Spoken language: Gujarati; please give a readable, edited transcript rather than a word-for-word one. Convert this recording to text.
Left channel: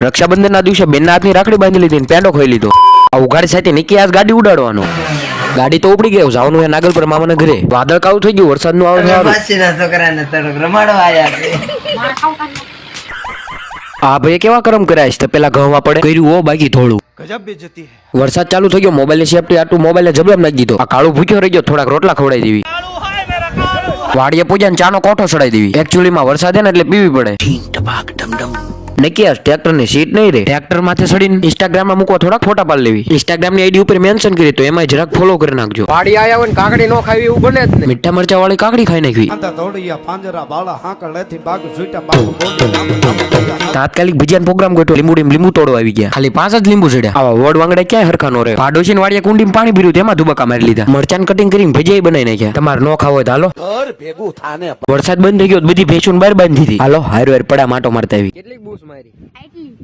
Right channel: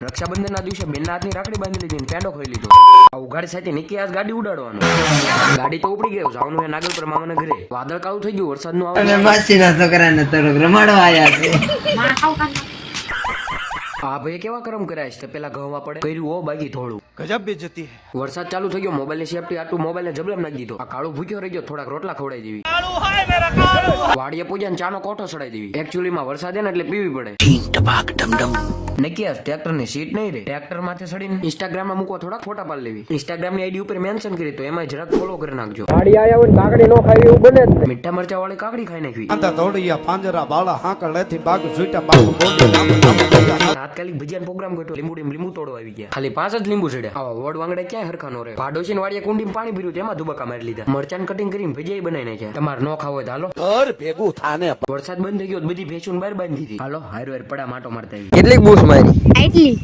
રક્ષાબંધન ના દિવસે બેન ના હાથની રાખડી બાંધી લીધી ને પેંડો ખોઈ લીધો. આ ઉઘાડી સાથે નિકી આજ ગાડી ઉડાડવાનો. ગાડી તો ઉપડી ગયો. જવાનું છે નાગલપુર મામાના ઘરે. વાદળ કાળું થઈ ગયું. વરસાદ નું આવે. છોકરાને થોડોક રમાડો આયા છે. હા ભાઈ કેવા કરમ કર્યા છે. પેલા ઘઉંમાં પડે કર્યું હો બાકી થોડું. ગજબ બેઇज्जती है. વરસાદ ચાલુ થઈ ગયો. મોબાઈલ ની સેફટી આટલું મોબાઈલ ને જબરમ નાખી દીધો. આ કાળું ભૂખ્યો રહી ગયો. થોડાક રોટલા ખવડાવી દેવી. વાડીએ પૂજા ને ચાનો કોઠો ચડાવી દેવી. એકચ્યુઅલી માં વરસાદ ને એટલે પીવી પડે. નક્કી ટ્રેક્ટર ની સીટ નહીં રે. ટ્રેક્ટર માથે ચડીને ઇન્સ્ટાગ્રામ માં મૂકવા થોડાક ફોટા પાડી લેવી. ઇન્સ્ટાગ્રામ ની આઈડી ઉપર મેન્શન કરી તો એમાં જરાક ફોલો કરી નાખજો. વાડી આયા હોય ને કાકડી નો ખાવી એવું બને જ ને. મીઠા મરચા વાળી કાકડી ખાઈ નાખવી. અંતા તોડિયા પાંજરા બાળા હાકળેથી બાગ જોઈતા બાગ બોડી. તાત્કાલિક ભજીયાનો પ્રોગ્રામ ગોઠવ્યો. લીંબુ તોડવા આવી ગયા. ખાલી 5 જ લીંબુ ચડ્યા. આવા વોડ વાંગડે ક્યાંય હરખા નો રહે. પાડોશી વાડીએ કુંડીમાં પાણી ભર્યું તેમાં ધુબકા મારી લીધા. મરચાન કટિંગ કરીને ભજીયા બનાવી નાખ્યા. તમારે નો ખાવો હોય તો હાલો. ઘર ભેગું થાને. વરસાદ બંધ થઈ ગયો. બધી ભેંસું બહાર બાંધી દીધી. હાલો હાર પડા માટો મારતા આવી. કેટલીક બૂસ મારી.